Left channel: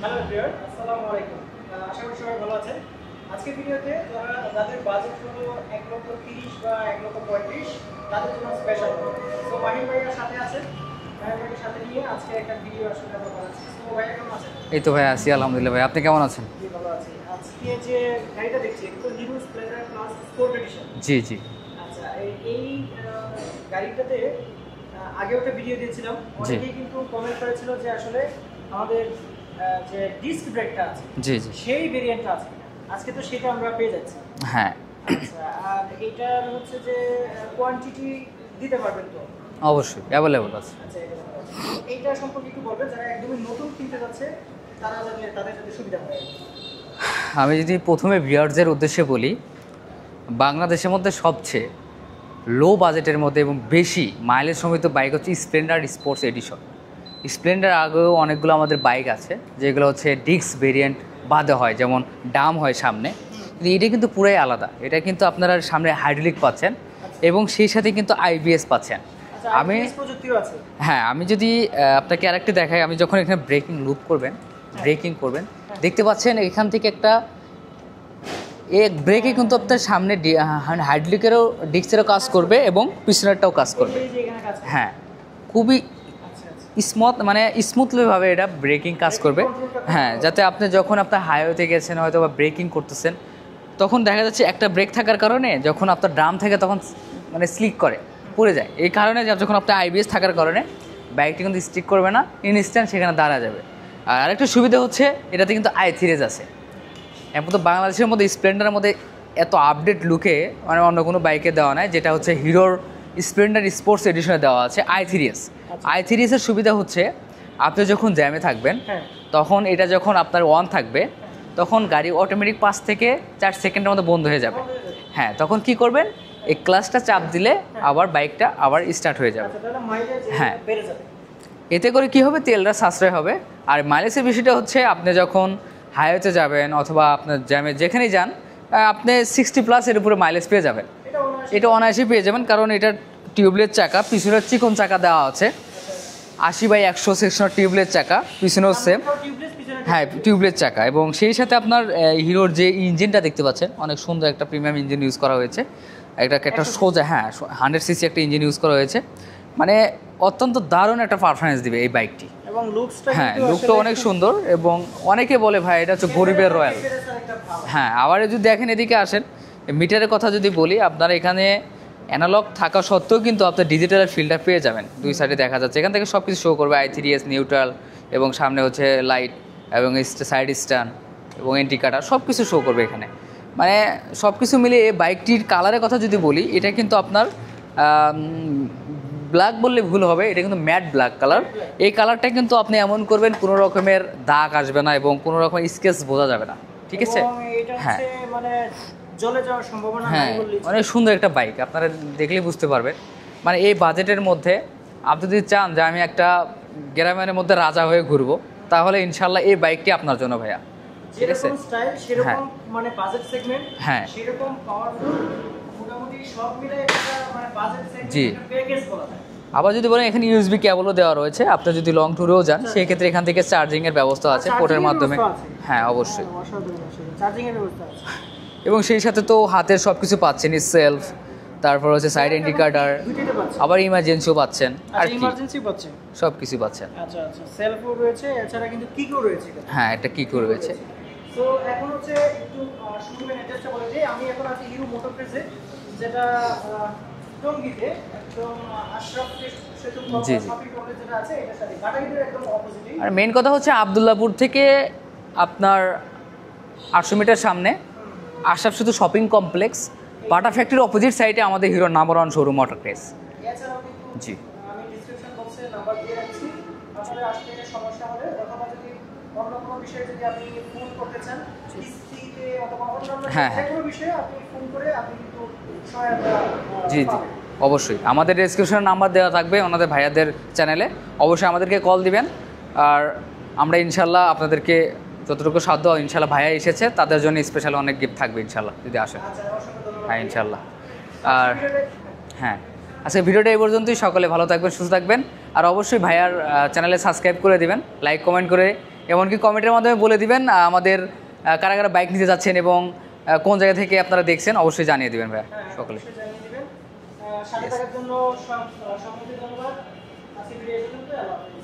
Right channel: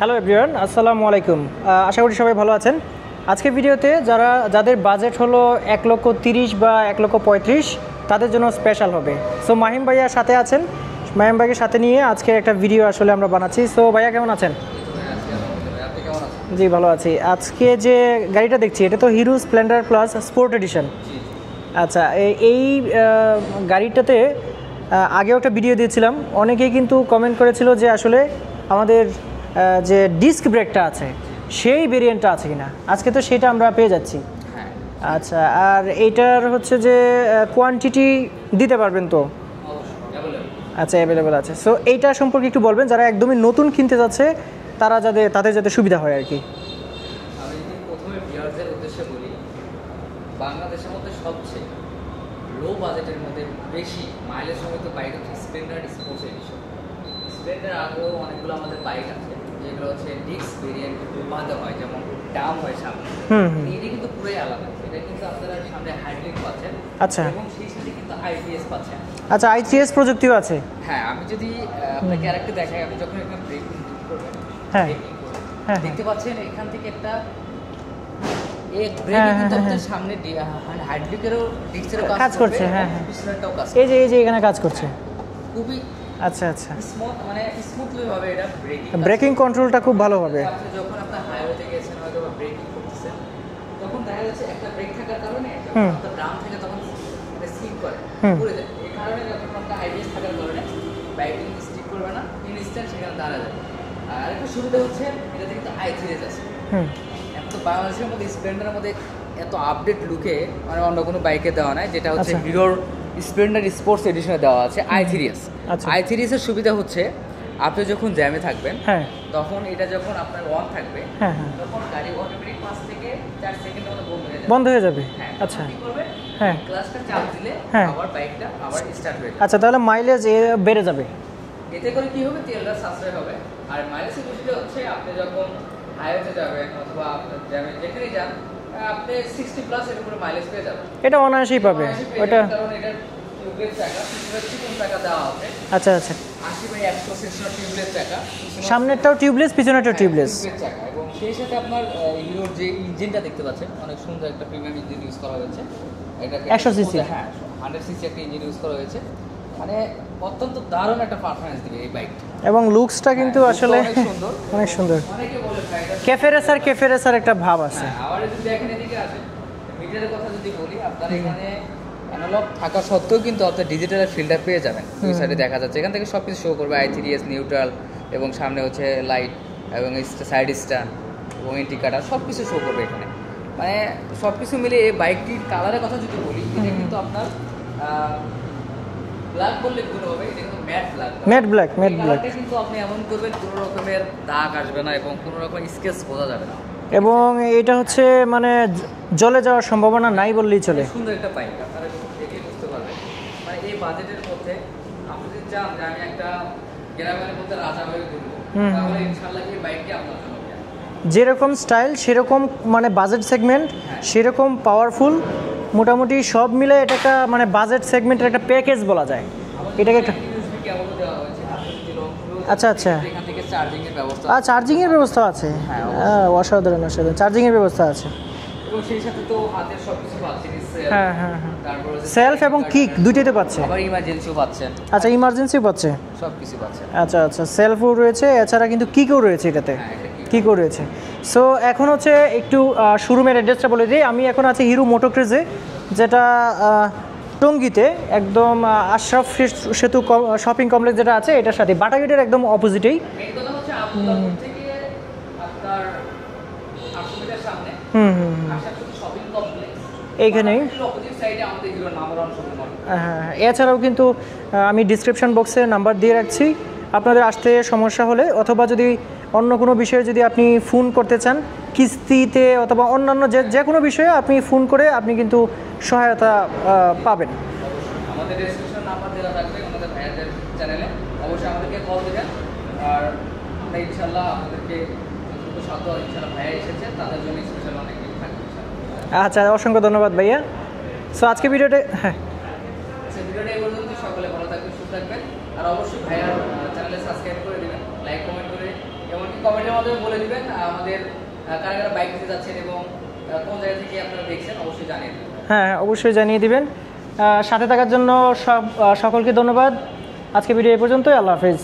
Hello everyone, আসসালামু আলাইকুম। আশা করি সবাই ভালো আছেন। আজকের ভিডিওতে যাদের বাজেট হলো 1,30,00,000 বা 1,35,00,000 তাদের জন্য স্পেশাল হবে। সো মাহিম ভাইয়ার সাথে আছেন, মাহিম ভাইকে সাথে নিয়ে আজকে একটা ভিডিও আসলে আমরা বানাচ্ছি। সো ভাইয়া কেমন আছেন? এই তো ভাই আছি আলহামদুলিল্লাহ। ভাই আপনি কেমন আছেন? জি ভালো আছি। আজকে যে গাড়িটা দেখছি এটা তো Hero Splendor plus sport edition. জি জি। আচ্ছা, এই গাড়িটাতে আগেও একটা ভিডিও দিয়েছিলাম, অনেকেই কিন্তু কমেন্ট করেছিল যে আসলে আমাদের যে ডিস্ক ব্রেকটা আছে সেই ভেরিয়েন্টটা আছে কিনা। আজকে তো সেটা আমরা পেয়ে যাচ্ছি। হ্যাঁ আচ্ছা, আর এইটার হচ্ছে যে কোয়ান্টিটি দিতে পারবেন তো? অবশ্যই অ্যাভেলেবল আছে। আচ্ছা, অ্যাভেলেবল আছে। সো এইটা সম্পর্কে একটু বলবেন, যারা একদমই নতুন কিনতে যাচ্ছে তাদের যাতে সুবিধা হয় আর কি। আমি যদি প্রথমে ভিউয়ারদের উদ্দেশ্যে বলি, বাংলাদেশের মধ্যে সবচেয়ে লো বাজেটের মধ্যে এবং বেশি মাইলেজ সমৃদ্ধ বাইক হচ্ছে স্প্লেন্ডার স্পোর্টস এডিশন। স্প্লেন্ডার আগেও অনেকগুলো আমাদের বাইক আছে যেগুলো হচ্ছে ডিস্ক ভেরিয়েন্ট বাদে হয়, যেমন ডাম হয় সামনে। এটা কিন্তু পুরাই আলাদা। এটা কিন্তু আপনারা সামনে হাইড্রোলিক পাচ্ছেন এবং সেই সাথে কিন্তু আইবিএস পাচ্ছেন। আচ্ছা, আইবিএস প্রযুক্তিও আছে। হ্যাঁ, আমি যদি আপনাকে আরেকটা দেখাই, আমি যখন এখানে ব্রেকিং লুট করবেন, ব্রেকিং করবেন, দেখতে পাচ্ছেন এখান থেকে একটা ব্রেকে কিন্তু আপনার সামনে হাইড্রোলিকেরও ডিস্কেরও কাজ করবে এবং পিছনেরটাও কাজ করবে। এই যে এখানে কাজ করছে। হ্যাঁ, খুবই আচ্ছা আচ্ছা স্মুথলি ভাবে এটা ব্রেকিং কাজ করবে। ব্রেকিং কন্ট্রোলটা খুব ভালো হবে, যাতে আপনি যখন আপনার হাইওয়েতে গেছেন হয়তো বা ব্রেকিং করতেছেন, তখন দেখা যাচ্ছে একটা ব্রেক থাকার কারণে যখন আপনার ড্রাম থেকে তখন মানে স্লিপ করে পড়ে যায়। এই কারণে যখন আপনার আইবিএস থাকার কারণে বাইকটি কিন্তু স্টিক করবে না, ইনস্ট্যান্ট সেখানে দাঁড়া যাবে। আর আরেকটা সুবিধা হচ্ছে এটাতে কিন্তু i3s আছে। এখন তো বাংলাদেশের মধ্যে স্প্লেন্ডারের মধ্যে এত আপডেট লুকে মানে অন্য কোনো বাইকে দেওয়া নাই, যেটা হচ্ছে হিরোর স্প্লেন্ডার স্পোর্টস এডিশনে দেওয়া আছে i3s। i3s এর সুবিধা হচ্ছে আপনি যখন জ্যামে থাকবেন তখন এটা যখন আপনার অন থাকবে তখন গাড়ি অটোমেটিক 5 থেকে 4 সেকেন্ডের মধ্যে বন্ধ হয়ে যাবে। হ্যাঁ, তখন কি করবেন, এই ক্লাচটা চাপ দিলে আবার বাইকটা আবার স্টার্ট হয়ে যাবে। আচ্ছা, তাহলে মাইলেজ বেড়ে যাবে। এতে করে কি হবে, তেলটা সাশ্রয় হবে। আর মাইলেজের বিষয়টা হচ্ছে আপনি যখন হাইওয়েতে যাবেন অথবা আপনার জ্যামে যেখানেই যান, আপনি 60+ এর উপরে মাইলেজ পেয়ে যাবেন। এটা অনায়াসেই পেয়ে যাবেন, কারণ এটা টিউবলেস চাকা, পিছনের চিকন চাকা দেওয়া আছে। আচ্ছা আচ্ছা, 80/100 সেকশনের টিউবলেস চাকা, পিছনেও সামনেটাও টিউবলেস, পিছনেটাও টিউবলেস চাকা। এবং সেই সাথে আপনার হিরোর যে ইঞ্জিনটা দেখতে পাচ্ছেন, অনেক সুন্দর একটা প্রিমিয়াম ইঞ্জিন ইউজ করা হয়েছে। একটা 100 সিসি একটা ইঞ্জিন ইউজ করা হয়েছে। মানে অত্যন্ত দারুণ একটা পারফরম্যান্স দিবে এই বাইকটি, এবং লুকসটা কিন্তু আসলে অনেক সুন্দর। এবং অনেকে বলে ভাই এটা হচ্ছে ক্যাফেরেসার একটা ভাব আছে। হ্যাঁ, আবার যদি দেখেন এদিকে আসেন, মিটারের কথা যদি বলি, আপনার এখানে অ্যানালগ থাকা সত্ত্বেও কিন্তু আপনার ডিজিটাল ফিল্টার পেয়ে যাবেন। ওই সাইডে দেখা যাচ্ছে এখান থেকে সব কিছু শো করবে, i3s, নিউট্রাল, এবং সামনে হচ্ছে লাইট এবং সাইড স্ট্যান্ড এবং ইন্ডিকেটর সব কিছু শো করবে এখানে। মানে সব কিছু মিলে এই বাইকটির কালারের কথা যদি বলি, এটা কিন্তু আপনার ব্ল্যাক বললে ভুল হবে, এটা কিন্তু ম্যাট ব্ল্যাক কালার। এই কালারটা কিন্তু আপনি এমন করবেন কোনো রকমের দাগ আসবে না এবং কোনো রকমের স্কেচ বোঝা যাবে না। এবং এটা হচ্ছে মানে জ্বলে যাওয়ার সম্ভাবনা নাই বললেই চলে। সুন্দর একটা বাইক, আপনারা দেখলেই বুঝতে পারবেন। মানে এই বাজেটের মধ্যে আপনি যদি চান যে আমি একটা গ্রামের মধ্যে রাজা হয়ে ঘুরবো, তাহলে ইনশাল্লাহ এই বাইকটি আপনার জন্য ভাইয়া। যেরকম স্টাইল সেরকম মানে বাজেট সেগমেন্ট সেরকম পাওয়ারফুল, মোটামুটি সব মিলে এটা একটা মানে বাজেট সেগমেন্টের একটা প্যাকেজ বলা যায়। আবার যদি এখানে ইউএসবি কেবলও দেওয়া রয়েছে, আপনি যদি লং ট্যুরেও যান সেক্ষেত্রে এখান থেকে চার্জিং এর ব্যবস্থা আছে। চার্জিং এর ব্যবস্থা আছে, হ্যাঁ অবশ্যই, অসাধারণ চার্জিং এর ব্যবস্থা আছে। এবং সেই সাথে তো হাতের সবকিছু পাচ্ছেন, সেলফ, তারপর হচ্ছে সাইড ইন্ডিকেটর, দুইটাতে পাচ্ছেন। আবার ইমার্জেন্সিও পাচ্ছেন। আচ্ছা, ইমার্জেন্সিও পাচ্ছেন, সবকিছু পাচ্ছেন। আচ্ছা আচ্ছা, সেলফও রয়েছে, এছাড়া কিন্তু কিকও রয়েছে এটাতে। হ্যাঁ, এটা কিকও রয়েছে। সো এখন হচ্ছে একটু শোরুমের অ্যাড্রেসটা বলে দিই। আমি এখন আছি হিরো মোটোক্রেজে, যেটা টঙ্গীতে একদম আশরাফ সেতু শপিং কমপ্লেক্স যেটা আছে এটার সাথে বাটা গেটের একদম অপোজিটেই। আর মেইন কথা হচ্ছে আব্দুল্লাহপুর থেকে আপনার 800 মিটার সামনে আশরাফ সেতু শপিং কমপ্লেক্স, বাটা ফ্যাক্টরির অপোজিট সাইডে আমাদের হিরো নাম্বার 1 শোরুম মোটোক্রেজ। এছাড়াও কিন্তু আমি ডিসক্রিপশন বক্সে নাম্বার দিয়ে রাখছি, আপনাদের আসতে সমস্যা হলে অথবা যদি অন্য কোনো বিষয়ে যদি আপনি ফোন করতে চান, কিস্তিতে অথবা অন্যান্য যে কোনো বিষয়ে আপনি ফোন করে আপনি কিন্তু সহায়তা পাবেন। অবশ্যই আমাদের ডেসক্রিপশনে নাম্বার দেওয়া থাকবে ওনাদের ভাইয়াদের চ্যানেলে, অবশ্যই আমাদেরকে কল দিবেন। আর আমরা ইনশাল্লাহ আপনাদেরকে যতটুকু সাধ্য ইনশাল্লাহ, ভাইয়া এসেছে তাদের জন্য স্পেশাল অনেক গিফট থাকবে ইনশাল্লাহ যদি আসেন। আচ্ছা, অসংখ্য ধন্যবাদ ভাইয়া। সো আজকে ভিডিওটা আজকে ভিডিওটা এই পর্যন্তই। সকলে ভালো থাকবেন, সুস্থ থাকবেন, আর অবশ্যই ভাইয়ার চ্যানেলে সাবস্ক্রাইব করে দিবেন, লাইক কমেন্ট করে এমনকি কমেন্টের মাধ্যমে বলে দিবেন আমাদের কারা কারা বাইক নিতে যাচ্ছেন এবং কোন জায়গা থেকে আপনারা দেখছেন, অবশ্যই জানিয়ে দিবেন ভাই। হ্যাঁ, অবশ্যই জানিয়ে দিবেন। সাথে থাকার জন্য সকলকে ধন্যবাদ। আজকে ভিডিও এই পর্যন্তই। আল্লাহ হাফেজ।